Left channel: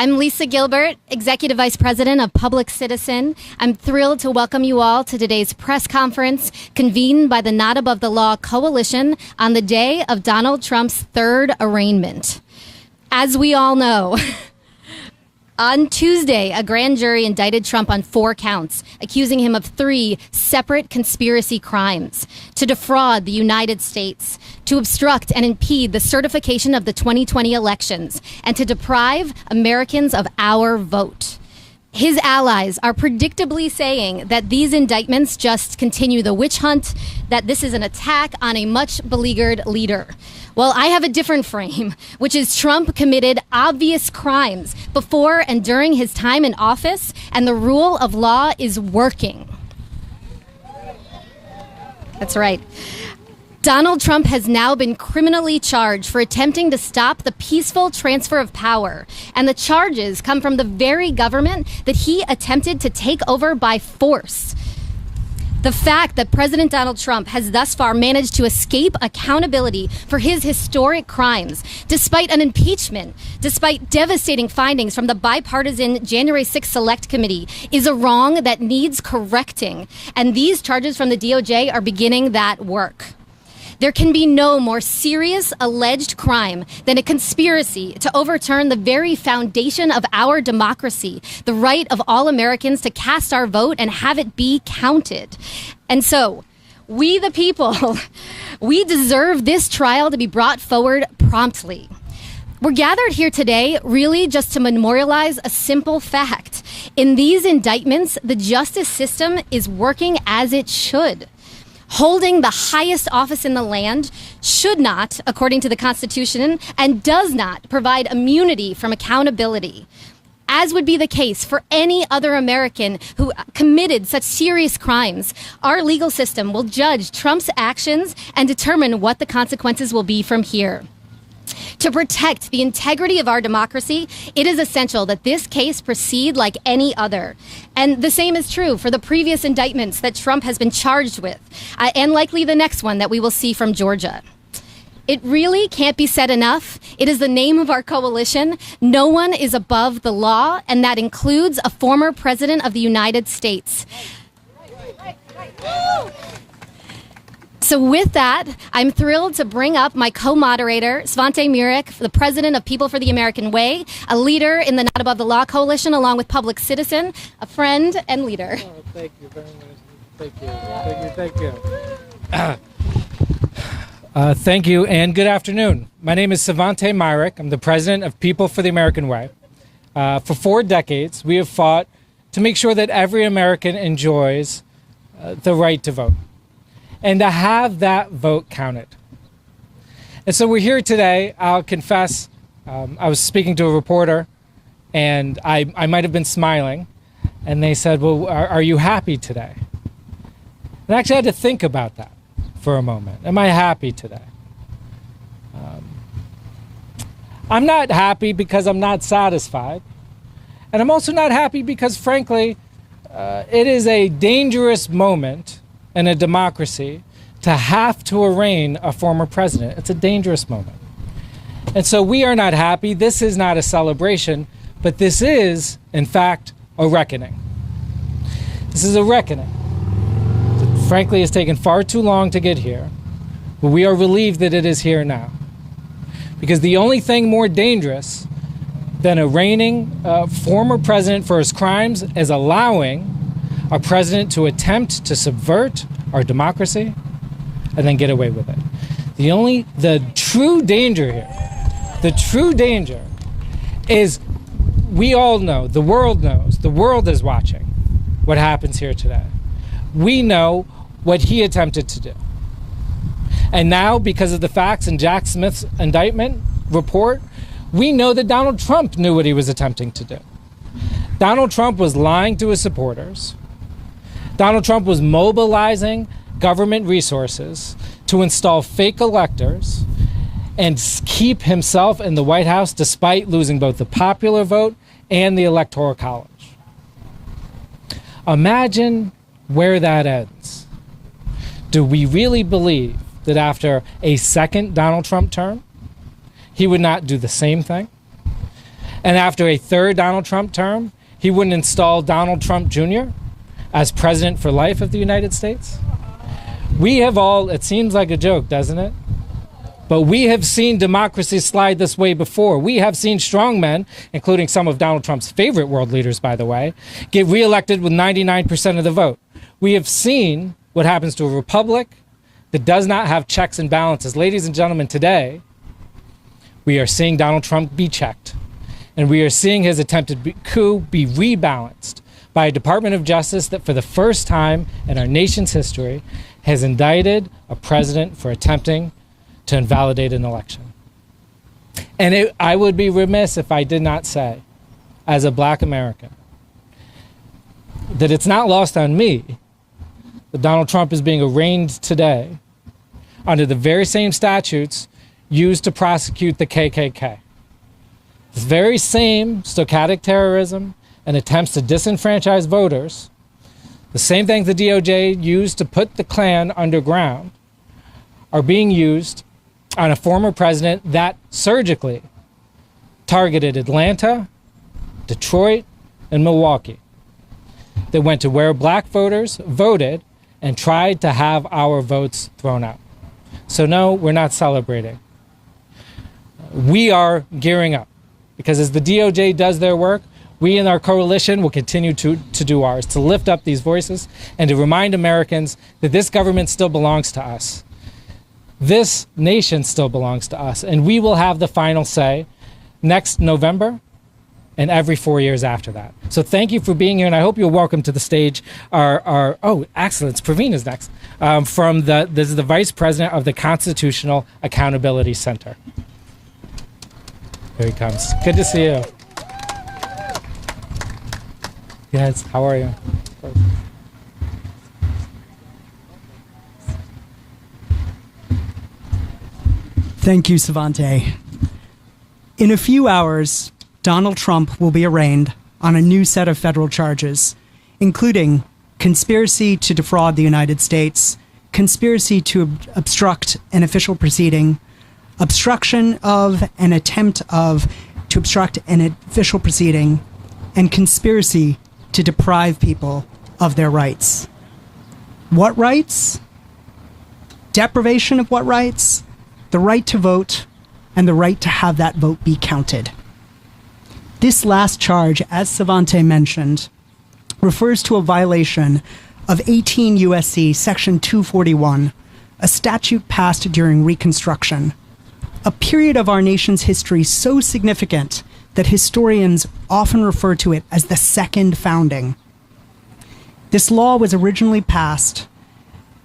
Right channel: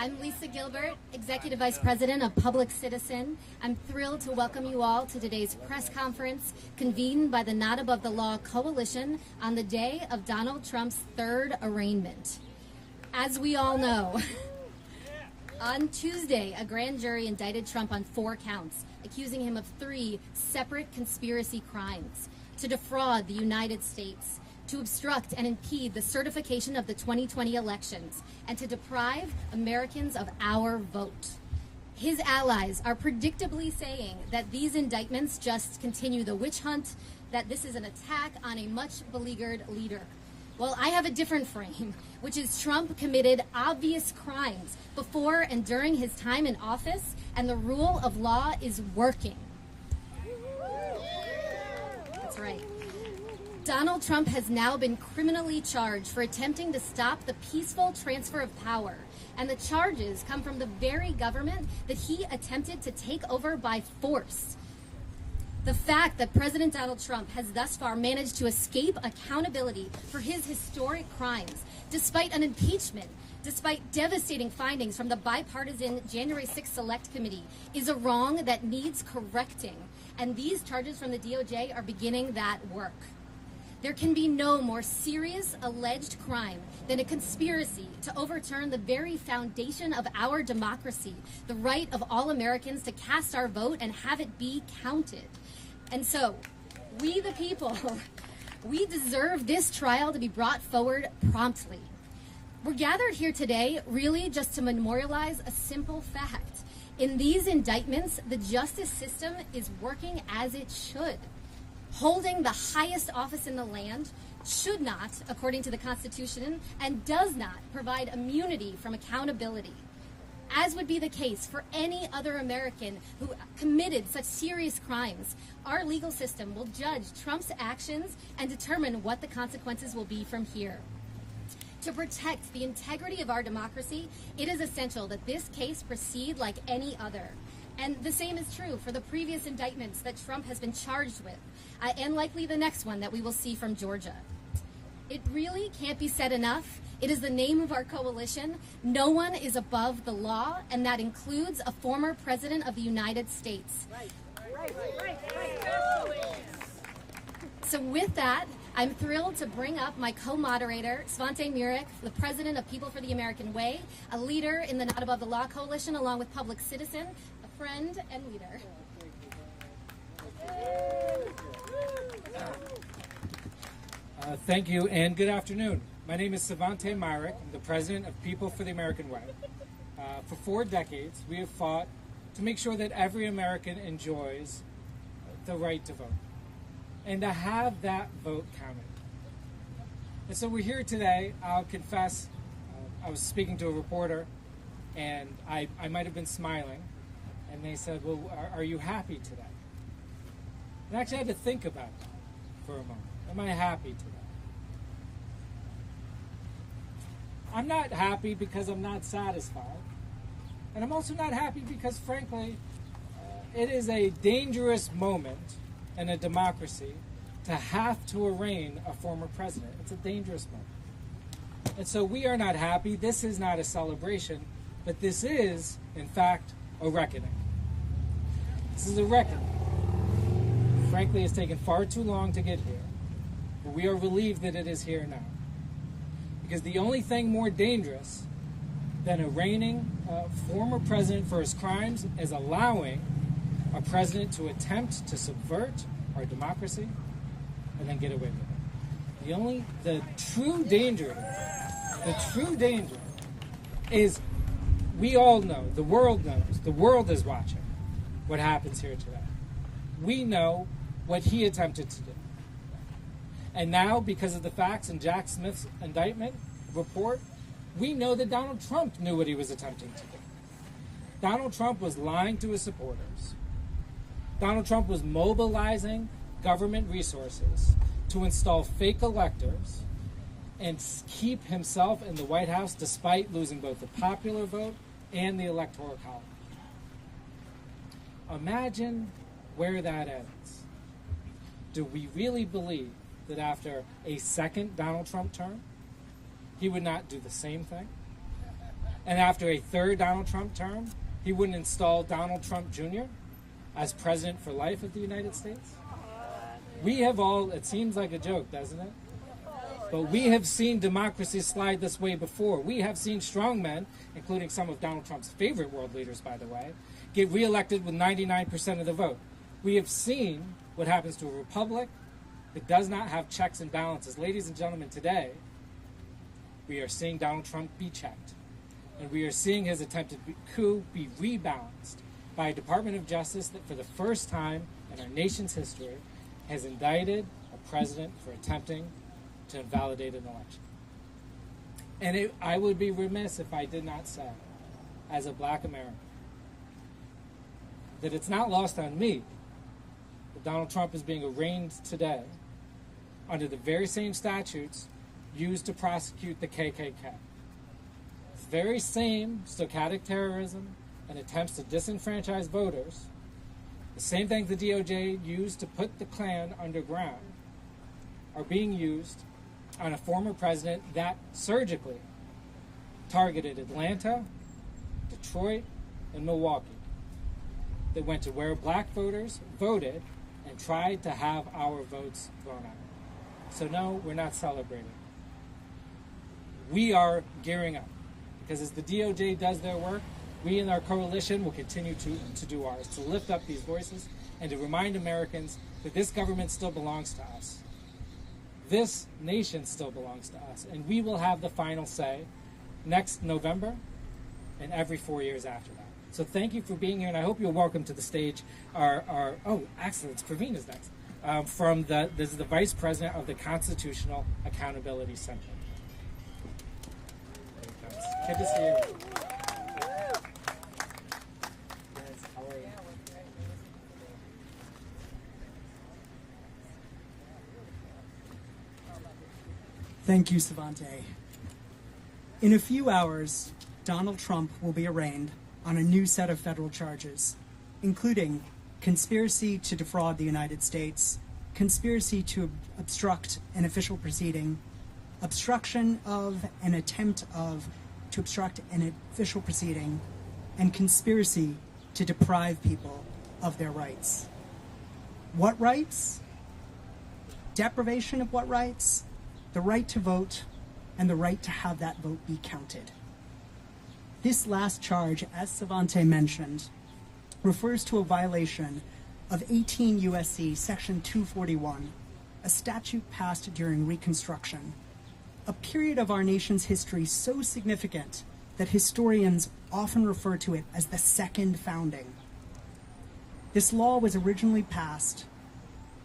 I'm Lisa Gilbert, Executive Vice President of Public Citizen. I'm thrilled to welcome you all to today's press conference convened by the Not Above the Law Coalition on the day of Donald Trump's third arraignment. As we all know, on Tuesday, a grand jury indicted Trump on 4 counts, accusing him of 3 separate conspiracy crimes: to defraud the United States, to obstruct and impede the certification of the 2020 elections, and to deprive Americans of our vote. His allies are predictably saying that these indictments just continue the witch hunt, that this is an attack on a much beleaguered leader. Well, I have a different frame, which is Trump committed obvious crimes before and during his time in office, and the rule of law is working. That's right. Donald Trump has now been criminally charged for attempting to stop the peaceful transfer of power, and the charges come from the very government that he attempted to take over by force. The fact that President Donald Trump has thus far managed to escape accountability for his historic crimes, despite an impeachment, despite devastating findings from the bipartisan January 6th Select Committee, is a wrong that needs correcting. And these charges from the DOJ are beginning that work. There can be no more serious alleged crime than a conspiracy to overturn the very foundation of our democracy, the right of all Americans to cast our vote and have it be counted. And so, we the people, we deserve this trial to be brought forward promptly. We're gathered here today really just to memorialize a simple fact. In these indictments, the justice system is working as it should. Holding the highest office in the land should not, according to the Constitution, and does not provide immunity from accountability, as would be the case for any other American who committed such serious crimes. Our legal system will judge Trump's actions and determine what the consequences will be from here. To protect the integrity of our democracy, it is essential that this case proceed like any other. And the same is true for the previous indictments that Trump has been charged with, and likely the next one that we will see from Georgia. It really can't be said enough. It is the name of our coalition. No one is above the law, and that includes a former president of the United States. So with that, I'm thrilled to bring up my co-moderator, Svante Myrick, the president of People for the American Way, a leader in the Not Above the Law Coalition, along with Public Citizen, a friend and leader. Oh, thank you very much. Thank you. Thank you, and good afternoon. My name is Svante Myrick. I'm the president of People for the American Way. For 4 decades, we have fought to make sure that every American enjoys the right to vote, and to have that vote counted. And so we're here today. I'll confess, I was speaking to a reporter, and I might have been smiling, and they said, well, are you happy today? And I actually had to think about that for a moment. Am I happy today? I'm not happy because I'm not satisfied. And I'm also not happy because, frankly, it is a dangerous moment in a democracy to have to arraign a former president. It's a dangerous moment. And so we are not happy. This is not a celebration, but this is, in fact, a reckoning. This is a reckoning. It, frankly, has taken far too long to get here, but we are relieved that it is here now. Because the only thing more dangerous than arraigning a former president for his crimes is allowing our president to attempt to subvert our democracy and then get away with it. The true danger here, the true danger is we all know, the world knows, the world is watching what happens here today. We know what he attempted to do. And now, because of the facts in Jack Smith's indictment report, we know that Donald Trump knew what he was attempting to do. Donald Trump was lying to his supporters. Donald Trump was mobilizing government resources to install fake electors and keep himself in the White House despite losing both the popular vote and the Electoral College. Imagine where that ends. Do we really believe that after a second Donald Trump term, he would not do the same thing? And after a third Donald Trump term, he wouldn't install Donald Trump Jr. as president for life of the United States? We have all, it seems like a joke, doesn't it? But we have seen democracy slide this way before. We have seen strongmen, including some of Donald Trump's favorite world leaders, by the way, get reelected with 99% of the vote. We have seen what happens to a republic that does not have checks and balances. Ladies and gentlemen, today, we are seeing Donald Trump be checked. And we are seeing his attempted coup be rebalanced by a Department of Justice that for the first time in our nation's history has indicted a president for attempting to invalidate an election. And I would be remiss if I did not say, as a black American, that it's not lost on me that Donald Trump is being arraigned today under the very same statutes used to prosecute the KKK. The very same stochastic terrorism and attempts to disenfranchise voters, the same things the DOJ used to put the Klan underground, are being used on a former president that surgically targeted Atlanta, Detroit, and Milwaukee, that went to where black voters voted and tried to have our votes thrown out. So no, we're not celebrating. We are gearing up, because as the DOJ does their work, we in our coalition will continue to do ours, to lift up these voices and to remind Americans that this government still belongs to us. This nation still belongs to us, and we will have the final say next November and every 4 years after that. So thank you for being here, and I hope you're welcome to the stage. Oh, excellent. Praveen is next. This is the Vice President of the Constitutional Accountability Center. Here he comes. Good to see you. Yes, how are you? Thank you, Savante. In a few hours, Donald Trump will be arraigned on a new set of federal charges, including conspiracy to defraud the United States, conspiracy to obstruct an official proceeding, obstruction of an attempt to obstruct an official proceeding, and conspiracy to deprive people of their rights. What rights? Deprivation of what rights? The right to vote and the right to have that vote be counted. This last charge, as Savante mentioned, refers to a violation of 18 U.S.C. Section 241, a statute passed during Reconstruction, a period of our nation's history so significant that historians often refer to it as the Second Founding. This law was originally passed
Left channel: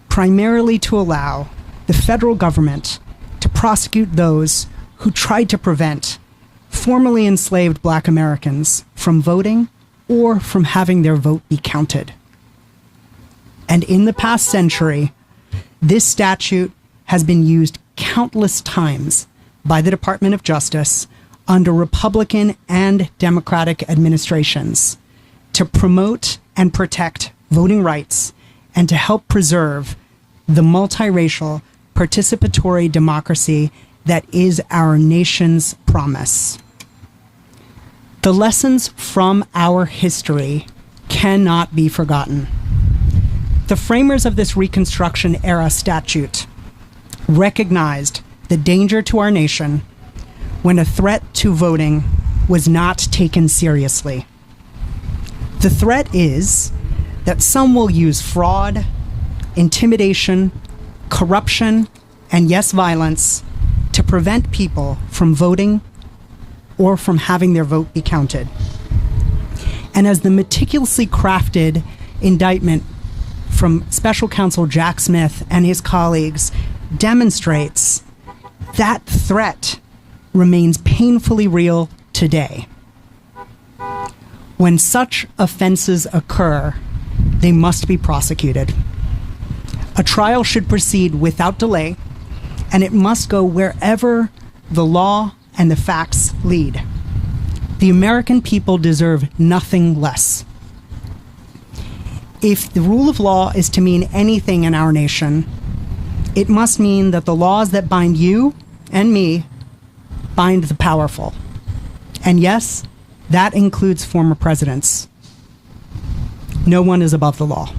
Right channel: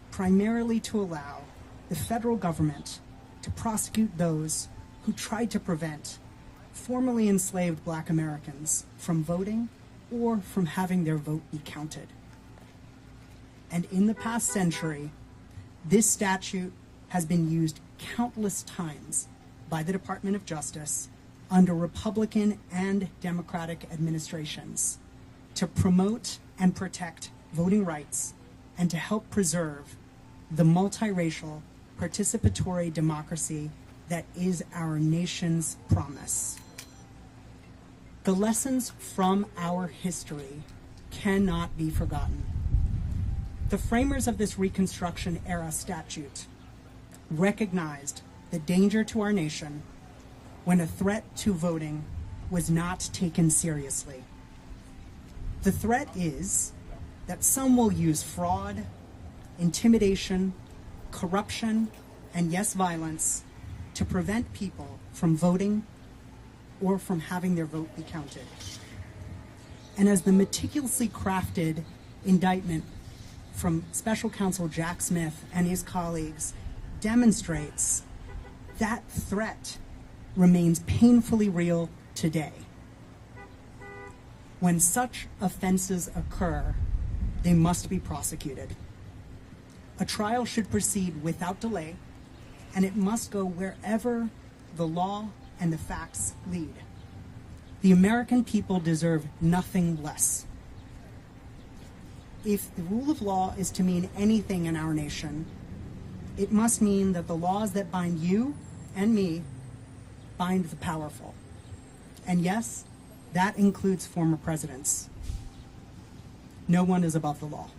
primarily to allow the federal government to prosecute those who tried to prevent formerly enslaved black Americans from voting or from having their vote be counted. And in the past century, this statute has been used countless times by the Department of Justice under Republican and Democratic administrations to promote and protect voting rights and to help preserve the multiracial, participatory democracy that is our nation's promise. The lessons from our history cannot be forgotten. The framers of this Reconstruction era statute recognized the danger to our nation when a threat to voting was not taken seriously. The threat is that some will use fraud, intimidation, corruption, and yes, violence to prevent people from voting or from having their vote be counted. And as the meticulously crafted indictment from Special Counsel Jack Smith and his colleagues demonstrates, that threat remains painfully real today. When such offenses occur, they must be prosecuted. A trial should proceed without delay, and it must go wherever the law and the facts lead. The American people deserve nothing less. If the rule of law is to mean anything in our nation, it must mean that the laws that bind you and me bind the powerful, And yes, that includes former presidents. No one is above the law.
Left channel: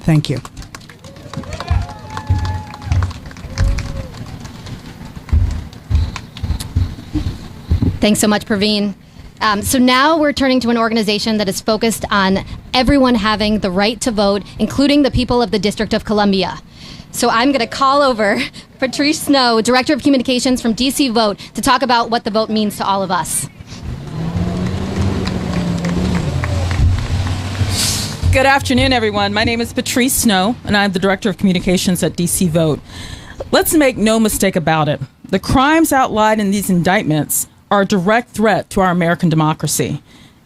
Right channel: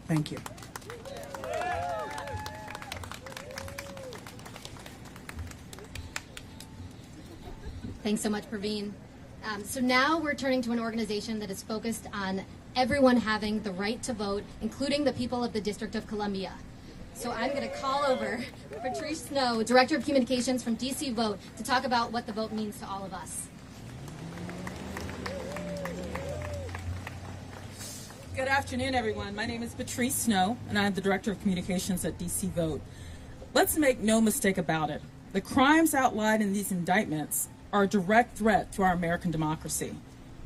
Thank you. Thanks so much, Praveen. So now we're turning to an organization that is focused on everyone having the right to vote, including the people of the District of Columbia. So I'm going to call over Patrice Snow, Director of Communications from DC Vote, to talk about what the vote means to all of us. Good afternoon, everyone. My name is Patrice Snow, and I'm the Director of Communications at DC Vote. Let's make no mistake about it. The crimes outlined in these indictments are a direct threat to our American democracy.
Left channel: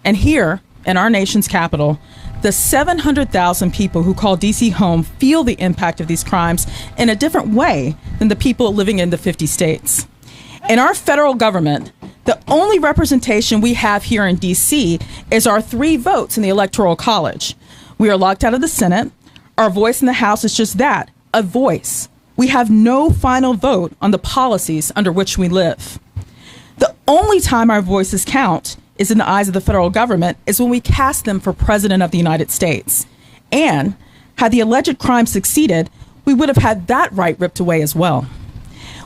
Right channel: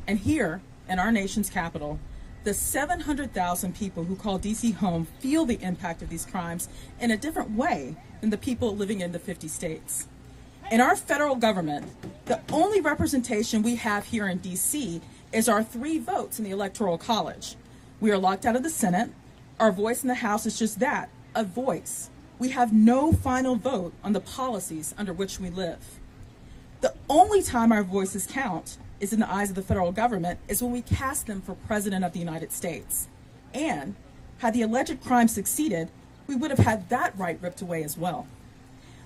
And here, in our nation's capital, the 700,000 people who call D.C. home feel the impact of these crimes in a different way than the people living in the 50 states. In our federal government, the only representation we have here in D.C. is our 3 votes in the Electoral College. We are locked out of the Senate. Our voice in the House is just that, a voice. We have no final vote on the policies under which we live. The only time our voices count is in the eyes of the federal government is when we cast them for President of the United States. And had the alleged crime succeeded, we would have had that right ripped away as well.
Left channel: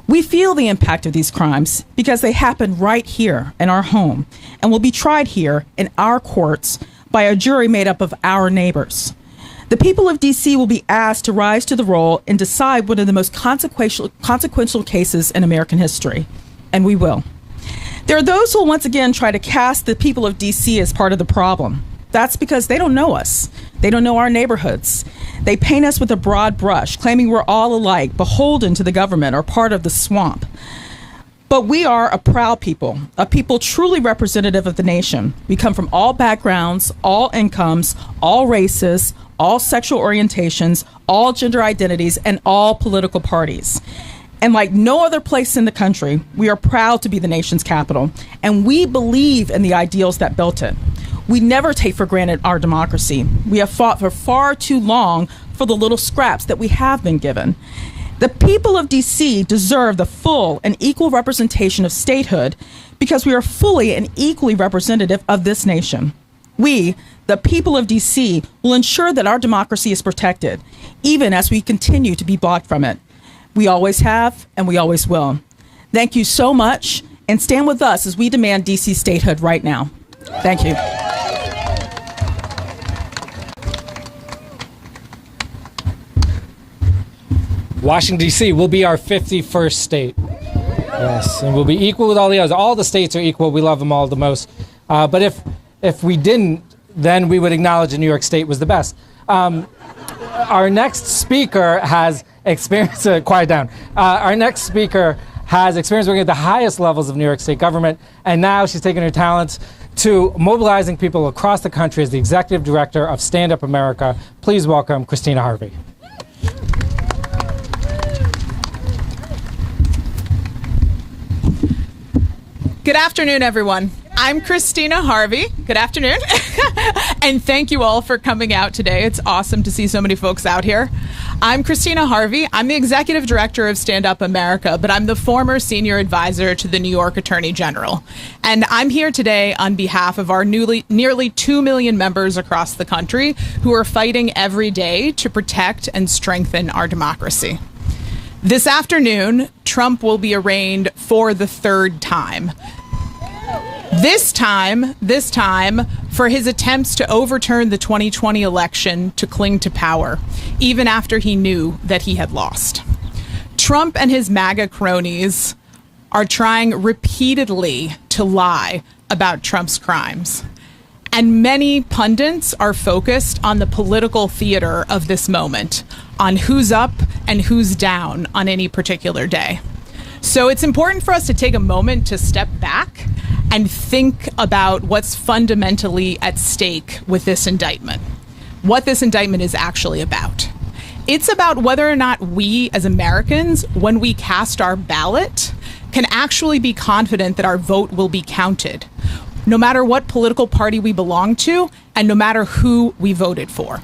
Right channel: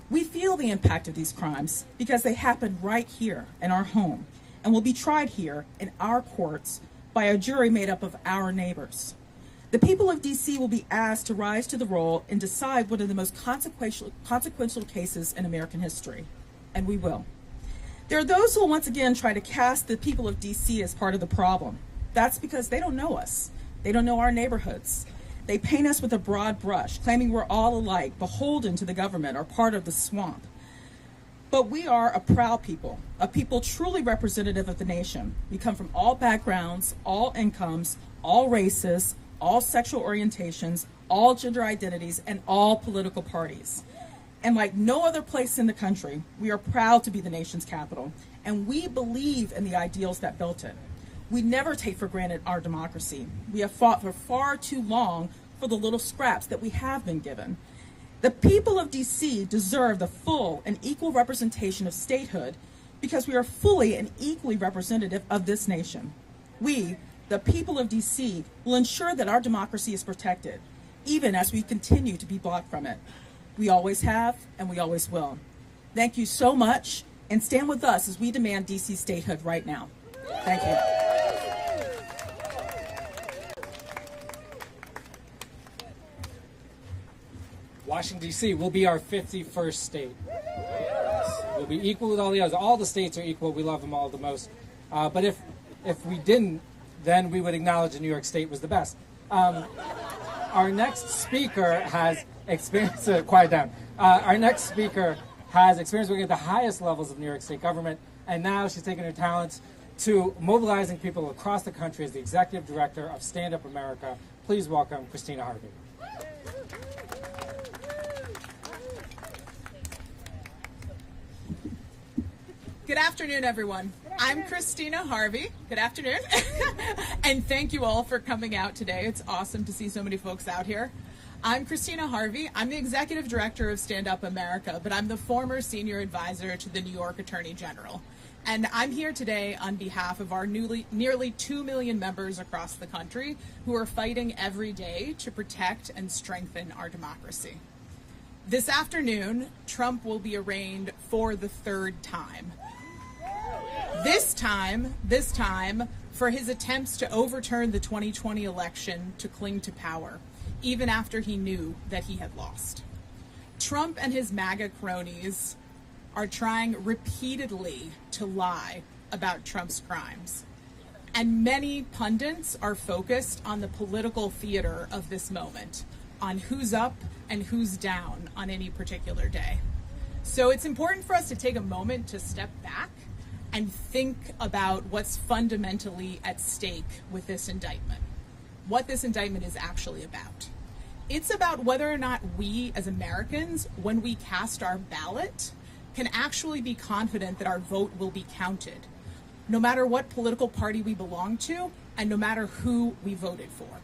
We feel the impact of these crimes because they happen right here in our home and will be tried here in our courts by a jury made up of our neighbors. The people of D.C. will be asked to rise to the role and decide one of the most consequential cases in American history, and we will. There are those who will once again try to cast the people of D.C. as part of the problem. That's because they don't know us. They don't know our neighborhoods. They paint us with a broad brush, claiming we're all alike, beholden to the government, or part of the swamp. But we are a proud people, a people truly representative of the nation. We come from all backgrounds, all incomes, all races, all sexual orientations, all gender identities, and all political parties. And like no other place in the country, we are proud to be the nation's capital, and we believe in the ideals that built it. We never take for granted our democracy. We have fought for far too long for the little scraps that we have been given. The people of D.C. deserve the full and equal representation of statehood because we are fully and equally representative of this nation. We, the people of D.C., will ensure that our democracy is protected, even as we continue to be blocked from it. We always have, and we always will. Thank you so much, and stand with us as we demand D.C. statehood right now. Thank you. Washington, D.C. will be our 51st state. Yes, and we'll be equal with all the others. All the states are equal. We love them all the most. But if we didn't, then we would acknowledge that New York State was the best. Our next speaker has experience. Quiet down. Our next speaker has experience working at the highest levels of New York State government, and now she's taking her talents to mobilizing people across the country as the executive director of Stand Up America. Please welcome Christina Harvey. Good afternoon, everyone. I'm Christina Harvey. Good afternoon. And thank you all for coming out today. It's awesome to see so many folks out here. I'm Christina Harvey. I'm the executive director of Stand Up America, but I'm the former senior advisor to the New York Attorney General. And I'm here today on behalf of our nearly 2 million members across the country who are fighting every day to protect and strengthen our democracy. This afternoon, Trump will be arraigned for the 3rd time. This time for his attempts to overturn the 2020 election to cling to power, even after he knew that he had lost. Trump and his MAGA cronies are trying repeatedly to lie about Trump's crimes. And many pundits are focused on the political theater of this moment, on who's up and who's down on any particular day. So it's important for us to take a moment to step back and think about what's fundamentally at stake with this indictment, what this indictment is actually about. It's about whether or not we as Americans, when we cast our ballot, can actually be confident that our vote will be counted, no matter what political party we belong to and no matter who we voted for.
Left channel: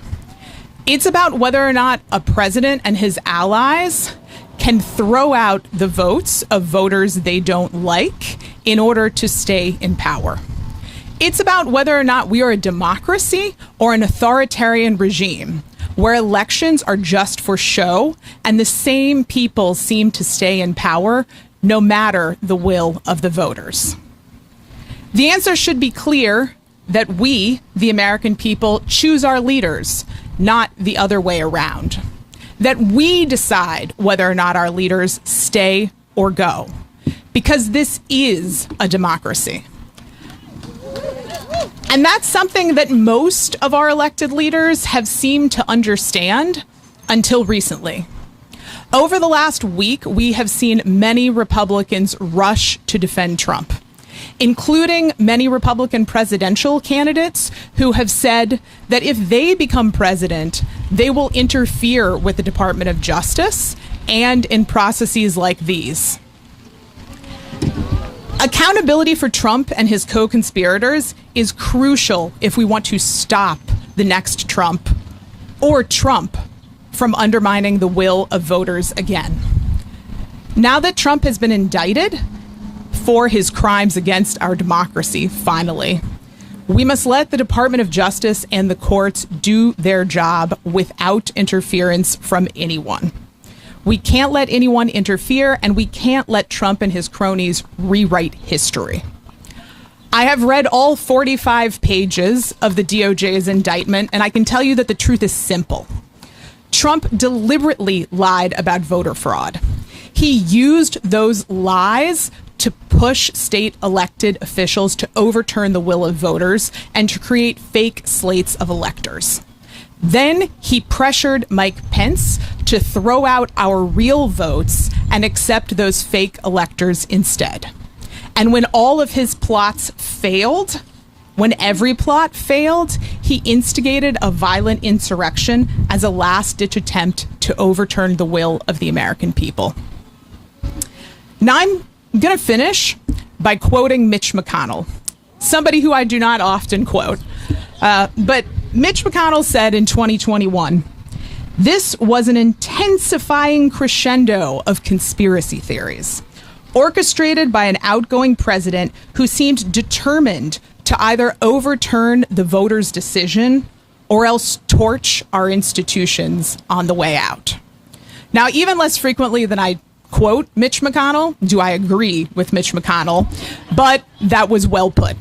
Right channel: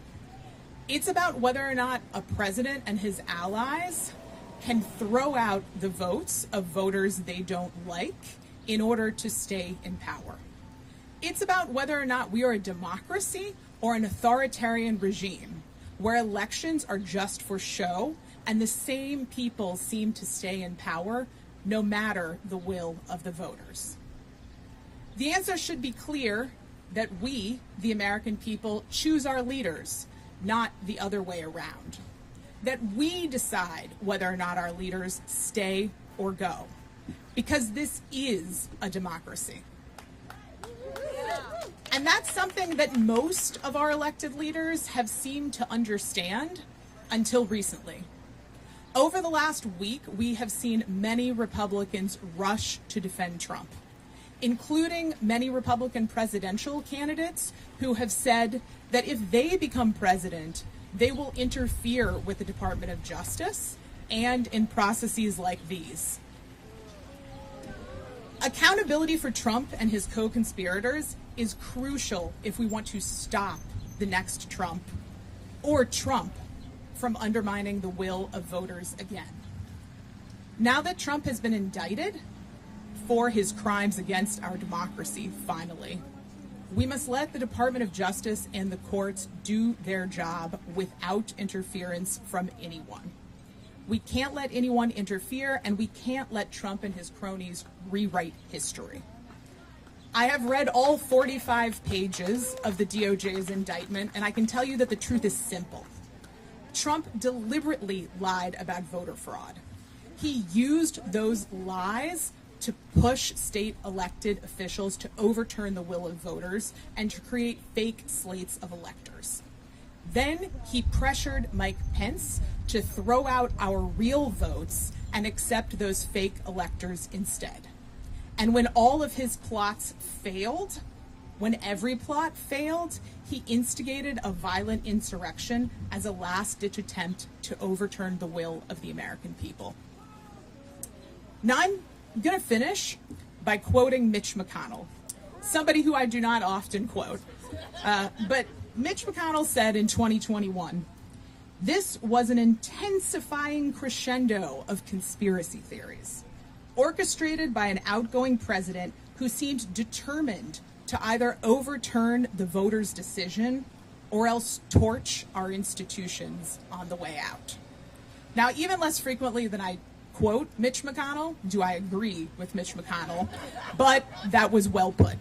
It's about whether or not a president and his allies can throw out the votes of voters they don't like in order to stay in power. It's about whether or not we are a democracy or an authoritarian regime, where elections are just for show and the same people seem to stay in power no matter the will of the voters. The answer should be clear, that we, the American people, choose our leaders, not the other way around. That we decide whether or not our leaders stay or go, because this is a democracy. And that's something that most of our elected leaders have seemed to understand until recently. Over the last week, we have seen many Republicans rush to defend Trump, including many Republican presidential candidates who have said that if they become president, they will interfere with the Department of Justice and in processes like these. Accountability for Trump and his co-conspirators is crucial if we want to stop the next Trump or Trump from undermining the will of voters again. Now that Trump has been indicted for his crimes against our democracy, finally, we must let the Department of Justice and the courts do their job without interference from anyone. We can't let anyone interfere, and we can't let Trump and his cronies rewrite history. I have read all 45 pages of the DOJ's indictment, and I can tell you that the truth is simple. Trump deliberately lied about voter fraud. He used those lies to push state elected officials to overturn the will of voters and to create fake slates of electors. Then he pressured Mike Pence to throw out our real votes and accept those fake electors instead. And when all of his plots failed, when every plot failed, he instigated a violent insurrection as a last-ditch attempt to overturn the will of the American people. Now I'm going to finish by quoting Mitch McConnell, somebody who I do not often quote. But Mitch McConnell said in 2021, "This was an intensifying crescendo of conspiracy theories, orchestrated by an outgoing president who seemed determined to either overturn the voters' decision or else torch our institutions on the way out." Now, even less frequently than I quote Mitch McConnell do I agree with Mitch McConnell, but that was well put.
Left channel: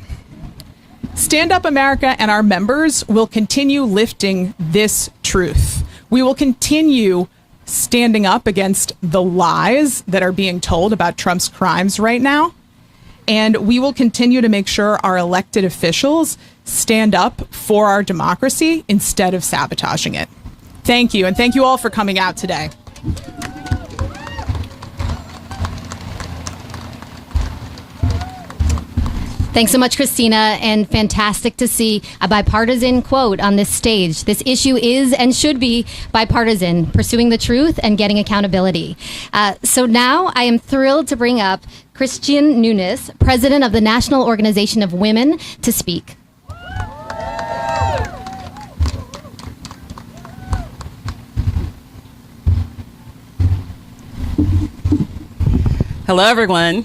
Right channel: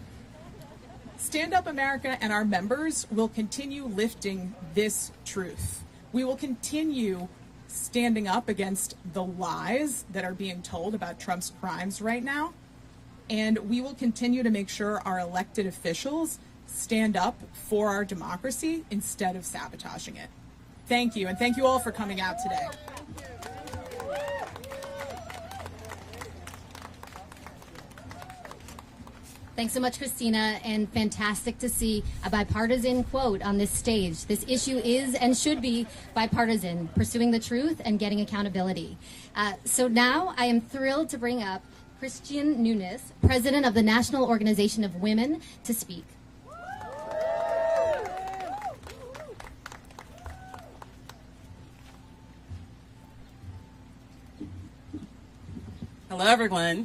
Stand Up America and our members will continue lifting this truth. We will continue standing up against the lies that are being told about Trump's crimes right now. And we will continue to make sure our elected officials stand up for our democracy instead of sabotaging it. Thank you. And thank you all for coming out today. Thanks so much, Christina, and fantastic to see a bipartisan quote on this stage. This issue is and should be bipartisan, pursuing the truth and getting accountability. So now I am thrilled to bring up Christian Nunes, president of the National Organization of Women, to speak. Hello, everyone.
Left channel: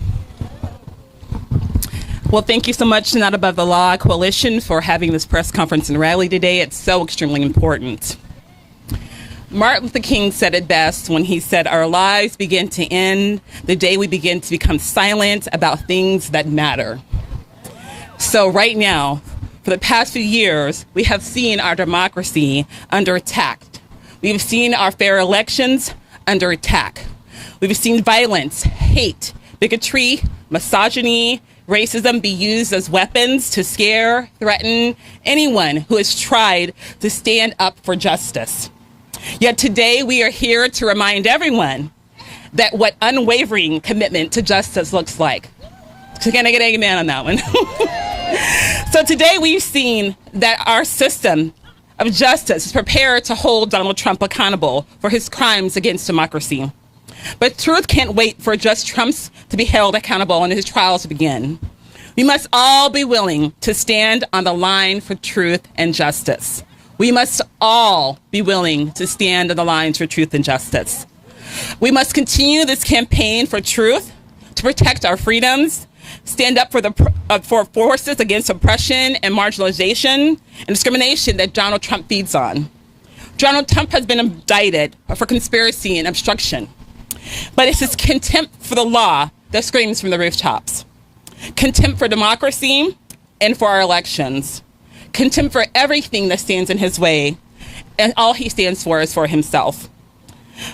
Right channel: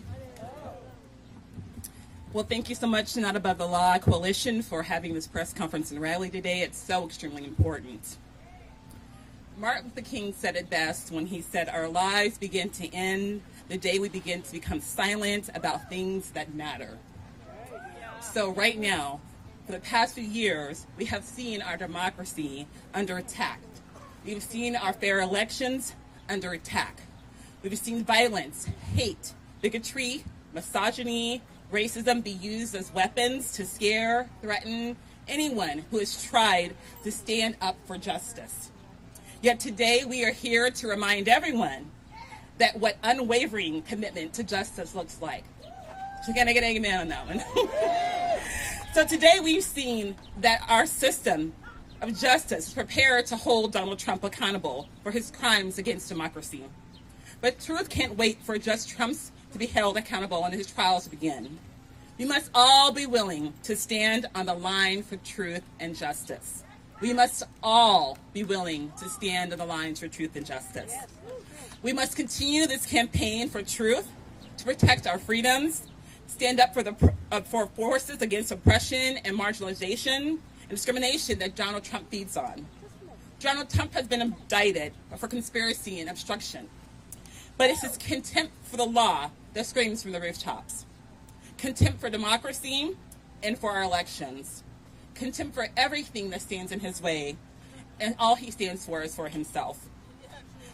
Well, thank you so much to Not Above the Law Coalition for having this press conference and rally today. It's so extremely important. Martin Luther King said it best when he said, "Our lives begin to end the day we begin to become silent about things that matter." So right now, for the past few years, we have seen our democracy under attack. We've seen our fair elections under attack. We've seen violence, hate, bigotry, misogyny, racism be used as weapons to scare, threaten anyone who has tried to stand up for justice. Yet today we are here to remind everyone that what unwavering commitment to justice looks like. So can I get an amen on that one? So today we've seen that our system of justice is prepared to hold Donald Trump accountable for his crimes against democracy. But truth can't wait for just Trump's to be held accountable and his trials to begin. We must all be willing to stand on the line for truth and justice. We must all be willing to stand on the lines for truth and justice. We must continue this campaign for truth, to protect our freedoms, stand up for forces against oppression and marginalization and discrimination that Donald Trump feeds on. Donald Trump has been indicted for conspiracy and obstruction, but it's his contempt for the law that screams from the rooftops. Contempt for democracy and for our elections. Contempt for everything that stands in his way, and all he stands for is for himself.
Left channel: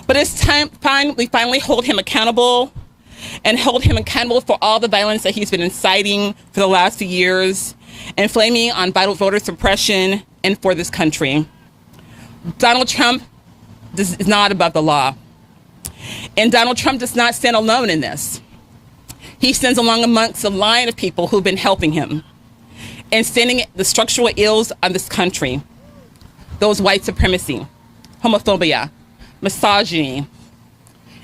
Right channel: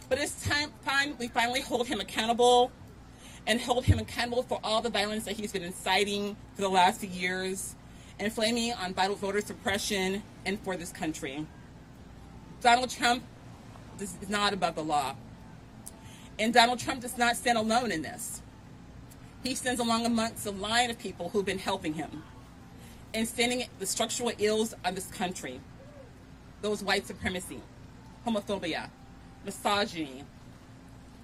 But it's time we finally hold him accountable, and hold him accountable for all the violence that he's been inciting for the last few years, and flaming on vital voter suppression and for this country. Donald Trump is not above the law. And Donald Trump does not stand alone in this. He stands along amongst a line of people who've been helping him and standing the structural ills of this country. Those white supremacy, homophobia, misogyny,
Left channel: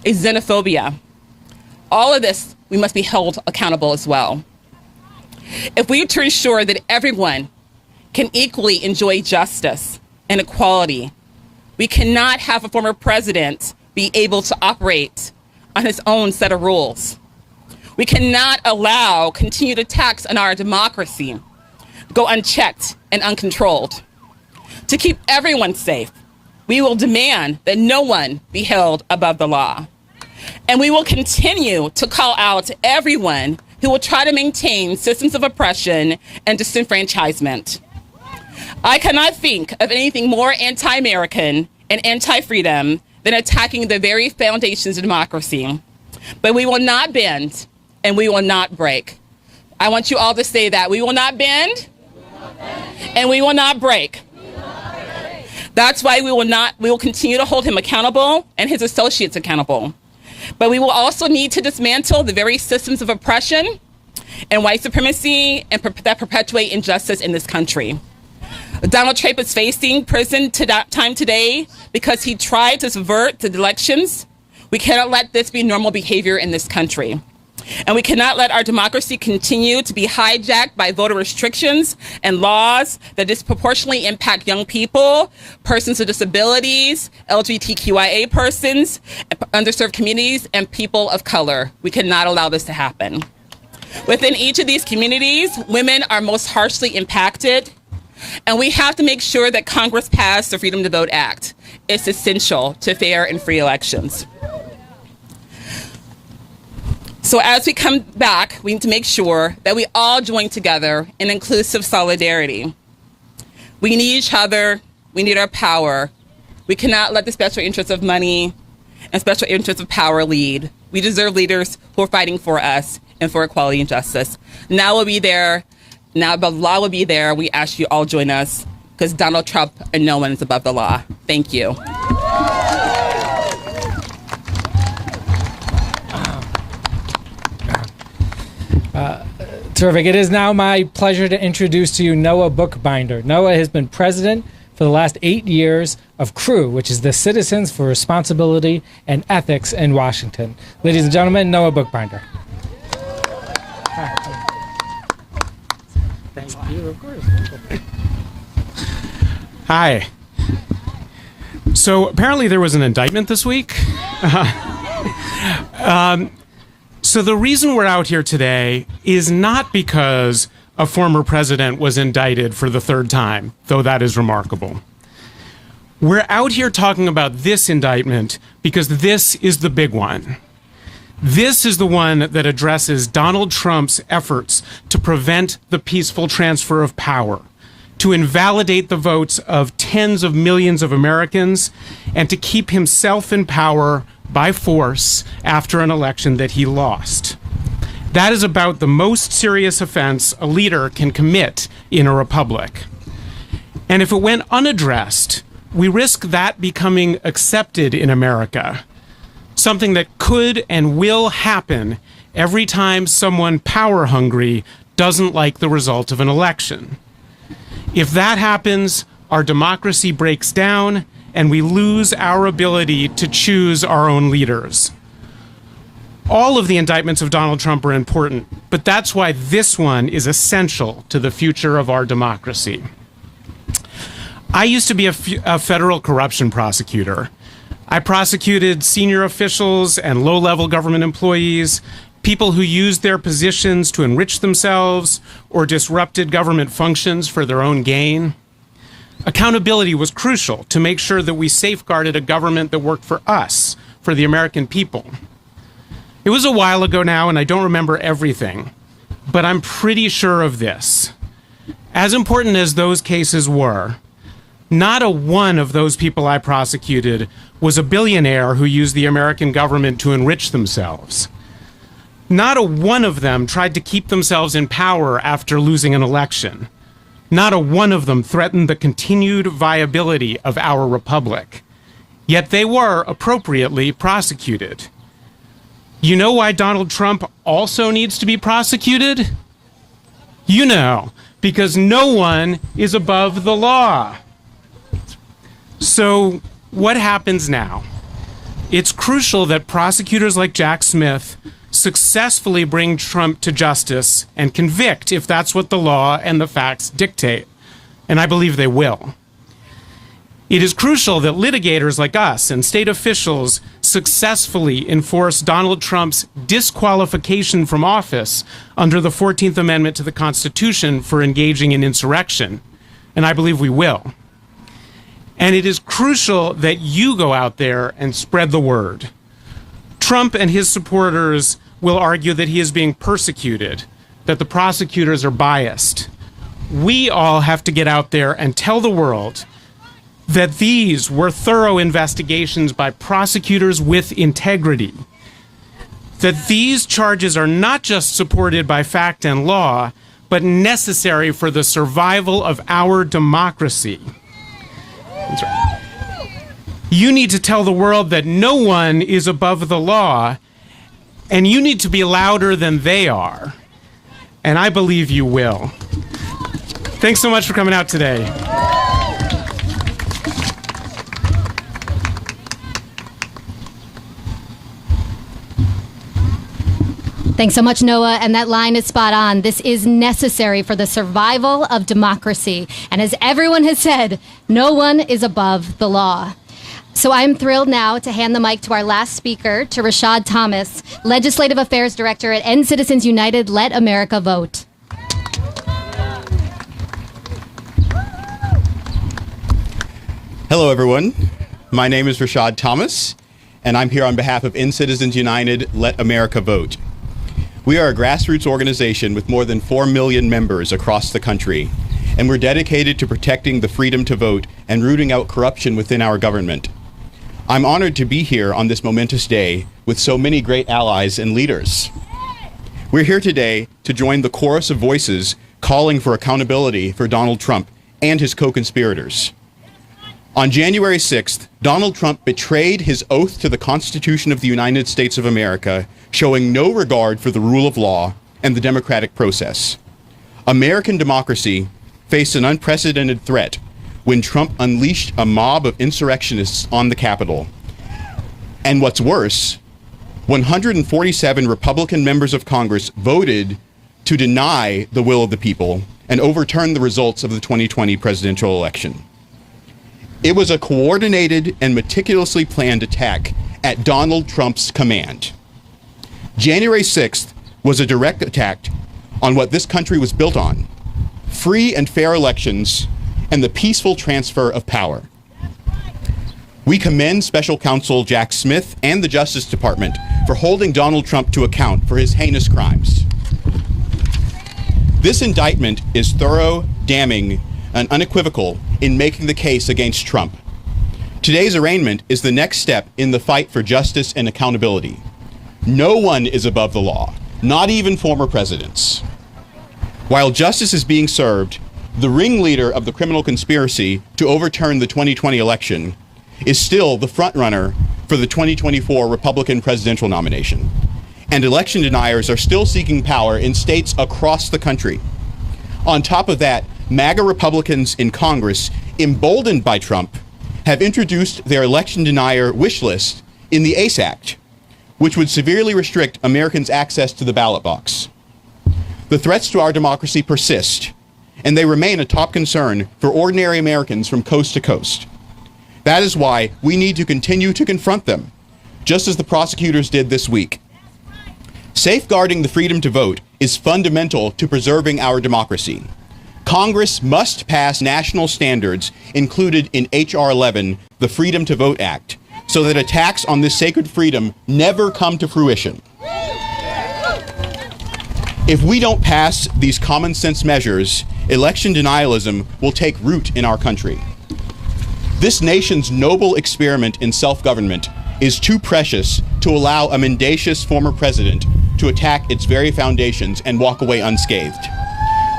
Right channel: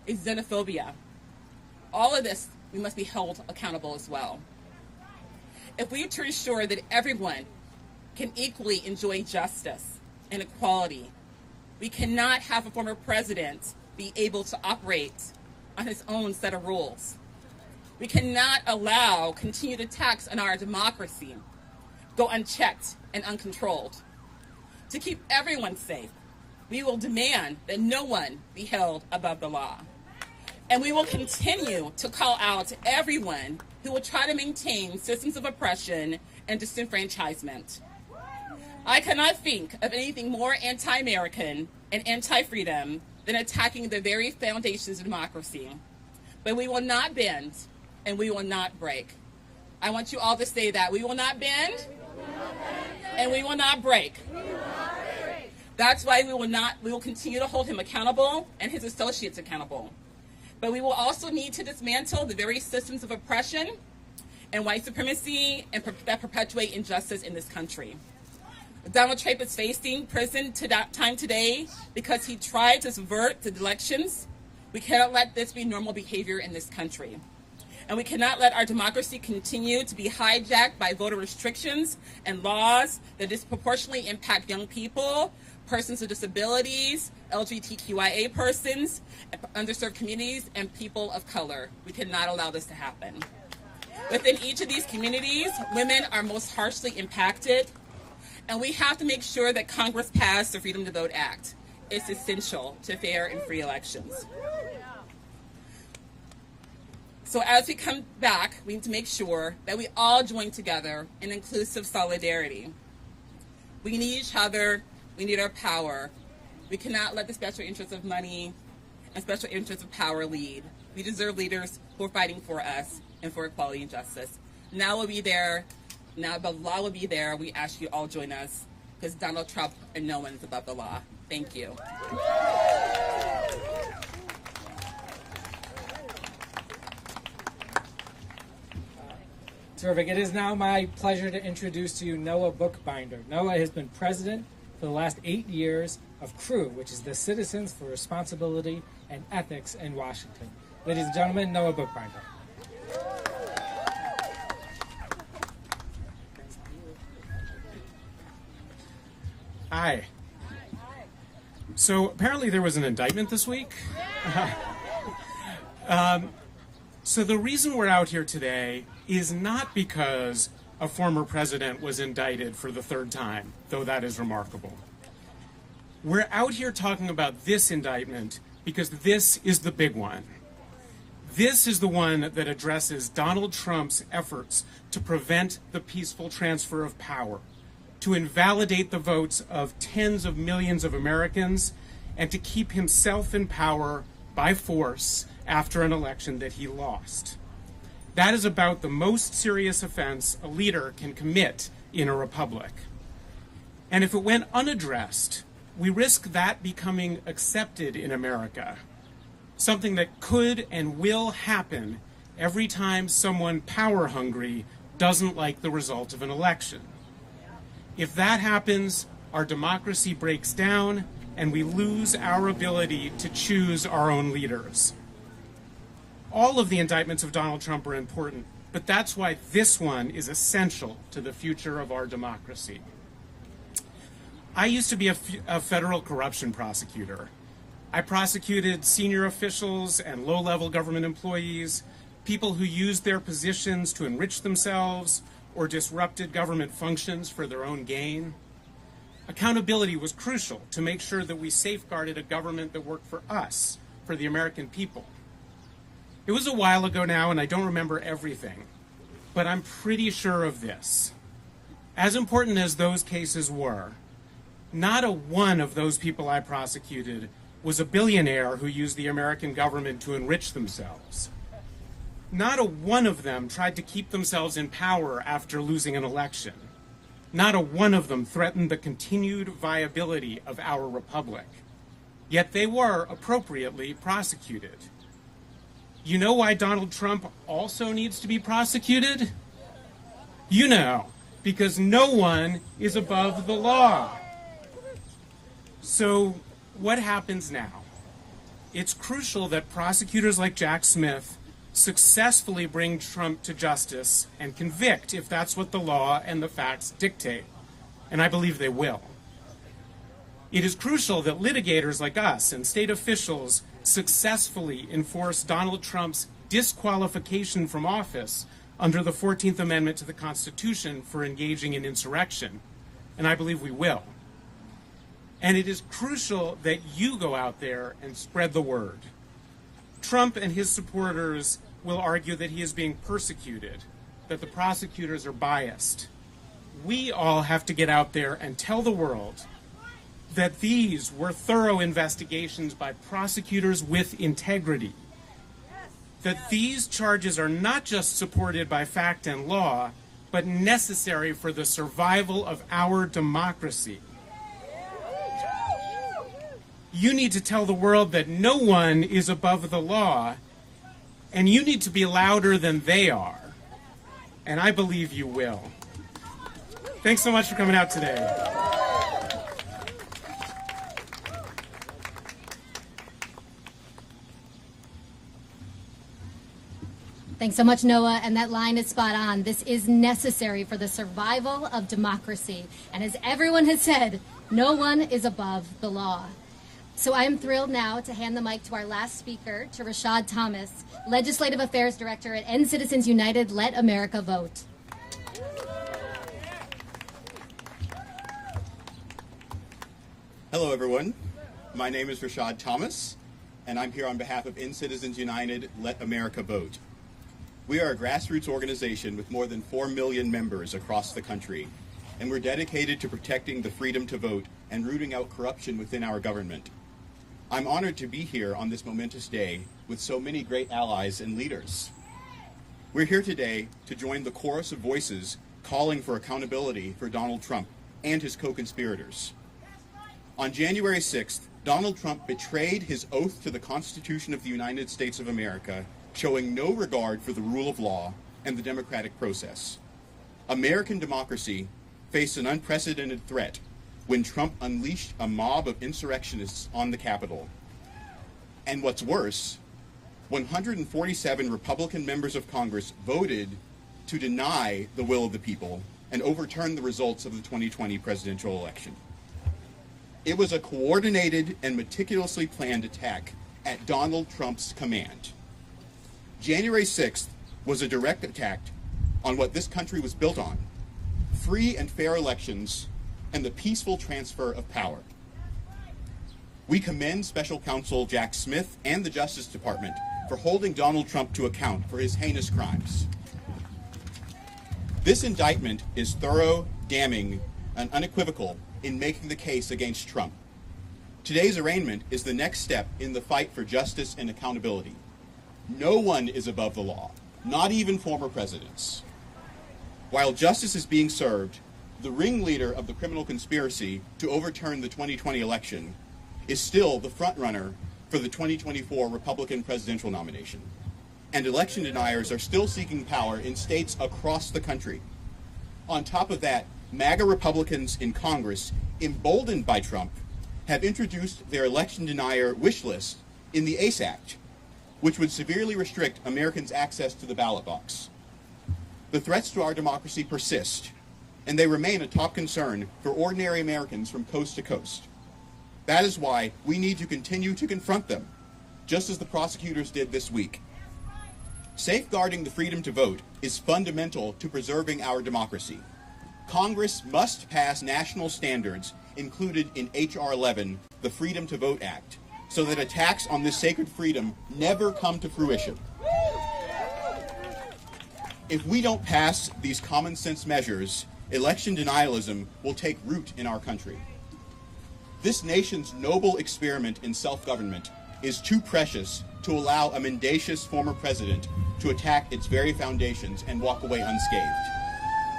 xenophobia. All of this, we must be held accountable as well. If we are to ensure that everyone can equally enjoy justice and equality, we cannot have a former president be able to operate on his own set of rules. We cannot allow continued attacks on our democracy go unchecked and uncontrolled. To keep everyone safe, we will demand that no one be held above the law. And we will continue to call out everyone who will try to maintain systems of oppression and disenfranchisement. I cannot think of anything more anti-American and anti-freedom than attacking the very foundations of democracy. But we will not bend and we will not break. I want you all to say that. We will not bend and we will not break. That's why we will continue to hold him accountable and his associates accountable. But we will also need to dismantle the very systems of oppression and white supremacy and that perpetuate injustice in this country. Donald Trump is facing prison time today because he tried to subvert the elections. We cannot let this be normal behavior in this country. And we cannot let our democracy continue to be hijacked by voter restrictions and laws that disproportionately impact young people, persons with disabilities, LGBTQIA persons, underserved communities, and people of color. We cannot allow this to happen. Within each of these communities, women are most harshly impacted, and we have to make sure that Congress passed the Freedom to Vote Act. It's essential to fair and free elections. So as we come back, we need to make sure that we all join together in inclusive solidarity. We need each other. We need our power. We cannot let the special interests of money and special interests of power lead. We deserve leaders who are fighting for us and for equality and justice. Now we'll be there. Now the law will be there. We ask you all join us because Donald Trump and no one is above the law. Thank you. Terrific. It is now my pleasure to introduce to you Noah Bookbinder. Noah has been president for the last 8 years of CREW, which is the Citizens for Responsibility and Ethics in Washington. Ladies and gentlemen, Noah Bookbinder. Thank you, of course. Hi. So apparently there was an indictment this week. So the reason we're out here today is not because a former president was indicted for the third time, though that is remarkable. We're out here talking about this indictment because this is the big one. This is the one that addresses Donald Trump's efforts to prevent the peaceful transfer of power, to invalidate the votes of tens of millions of Americans, and to keep himself in power by force after an election that he lost. That is about the most serious offense a leader can commit in a republic. And if it went unaddressed, we risk that becoming accepted in America, something that could and will happen every time someone power-hungry doesn't like the result of an election. If that happens, our democracy breaks down and we lose our ability to choose our own leaders. All of the indictments of Donald Trump are important, but that's why this one is essential to the future of our democracy. I used to be a federal corruption prosecutor. I prosecuted senior officials and low-level government employees, people who used their positions to enrich themselves or disrupted government functions for their own gain. Accountability was crucial to make sure that we safeguarded a government that worked for us, for the American people. It was a while ago now, and I don't remember everything, but I'm pretty sure of this. As important as those cases were, not a one of those people I prosecuted was a billionaire who used the American government to enrich themselves. Not a one of them tried to keep themselves in power after losing an election. Not a one of them threatened the continued viability of our republic. Yet they were appropriately prosecuted. You know why Donald Trump also needs to be prosecuted? You know, because no one is above the law. So what happens now? It's crucial that prosecutors like Jack Smith successfully bring Trump to justice and convict if that's what the law and the facts dictate. And I believe they will. It is crucial that litigators like us and state officials successfully enforce Donald Trump's disqualification from office under the 14th Amendment to the Constitution for engaging in insurrection. And I believe we will. And it is crucial that you go out there and spread the word. Trump and his supporters will argue that he is being persecuted, that the prosecutors are biased. We all have to get out there and tell the world that these were thorough investigations by prosecutors with integrity, that these charges are not just supported by fact and law, but necessary for the survival of our democracy. That's right. You need to tell the world that no one is above the law, and you need to be louder than they are. And I believe you will. Thanks so much for coming out today. Thanks so much, Noah. And that line is spot on. This is necessary for the survival of democracy. And as everyone has said, no one is above the law. So I'm thrilled now to hand the mic to our last speaker, to Rashad Thomas, Legislative Affairs Director at End Citizens United, Let America Vote. Hello, everyone. My name is Rashad Thomas, and I'm here on behalf of End Citizens United, Let America Vote. We are a grassroots organization with more than 4 million members across the country, and we're dedicated to protecting the freedom to vote and rooting out corruption within our government. I'm honored to be here on this momentous day with so many great allies and leaders. We're here today to join the chorus of voices calling for accountability for Donald Trump and his co-conspirators. On January 6th, Donald Trump betrayed his oath to the Constitution of the United States of America, showing no regard for the rule of law and the democratic process. American democracy faced an unprecedented threat when Trump unleashed a mob of insurrectionists on the Capitol. And what's worse, 147 Republican members of Congress voted to deny the will of the people and overturn the results of the 2020 presidential election. It was a coordinated and meticulously planned attack at Donald Trump's command. January 6th was a direct attack on what this country was built on: free and fair elections and the peaceful transfer of power. We commend Special Counsel Jack Smith and the Justice Department for holding Donald Trump to account for his heinous crimes. This indictment is thorough, damning, and unequivocal in making the case against Trump. Today's arraignment is the next step in the fight for justice and accountability. No one is above the law, not even former presidents. While justice is being served, the ringleader of the criminal conspiracy to overturn the 2020 election is still the frontrunner for the 2024 Republican presidential nomination. And election deniers are still seeking power in states across the country. On top of that, MAGA Republicans in Congress, emboldened by Trump, have introduced their election denier wish list in the ACE Act, which would severely restrict Americans' access to the ballot box. The threats to our democracy persist, and they remain a top concern for ordinary Americans from coast to coast. That is why we need to continue to confront them, just as the prosecutors did this week. Safeguarding the freedom to vote is fundamental to preserving our democracy. Congress must pass national standards included in H.R. 11, the Freedom to Vote Act, so that attacks on this sacred freedom never come to fruition. If we don't pass these common sense measures, election denialism will take root in our country. This nation's noble experiment in self-government is too precious to allow a mendacious former president to attack its very foundations and walk away unscathed.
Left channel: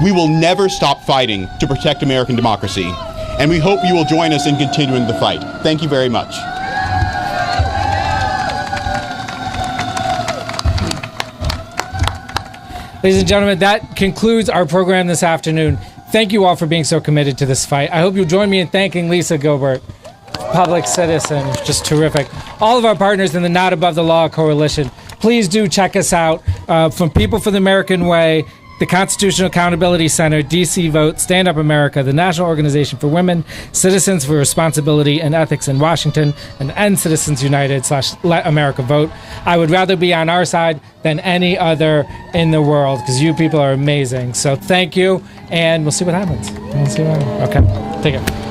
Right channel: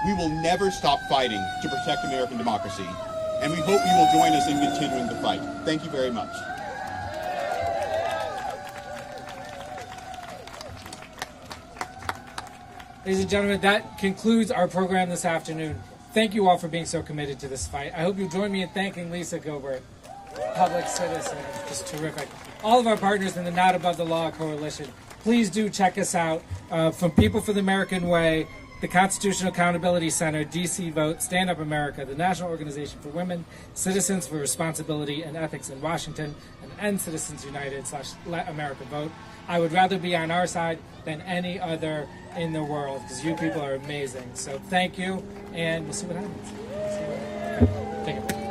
We will never stop fighting to protect American democracy, and we hope you will join us in continuing the fight. Thank you very much. Ladies and gentlemen, that concludes our program this afternoon. Thank you all for being so committed to this fight. I hope you'll join me in thanking Lisa Gilbert, public citizen, just terrific. All of our partners in the Not Above the Law Coalition, please do check us out. From People for the American Way, the Constitutional Accountability Center, DC Vote, Stand Up America, the National Organization for Women, Citizens for Responsibility and Ethics in Washington, and End Citizens United / Let America Vote. I would rather be on our side than any other in the world because you people are amazing. So thank you, and we'll see what happens. Okay, take care.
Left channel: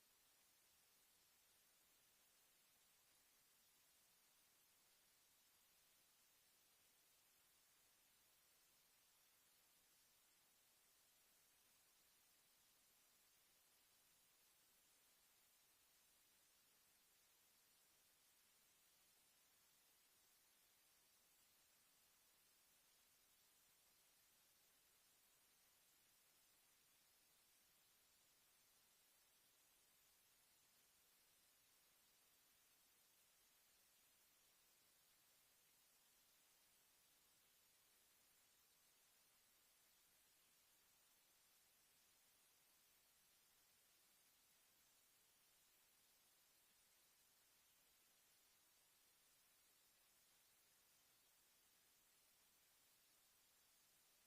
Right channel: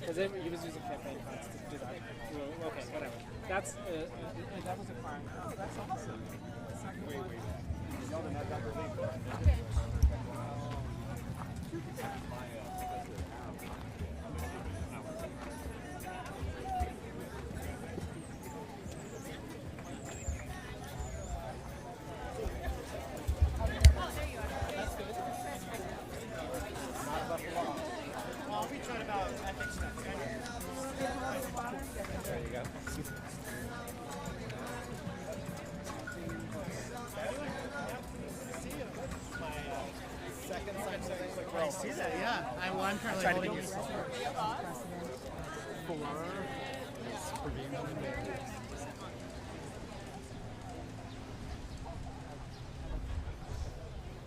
Because he was using campaign funds to do that. Okay, whatever. That was a crime. Oh, that's awesome. Wait. I'm currently holding it.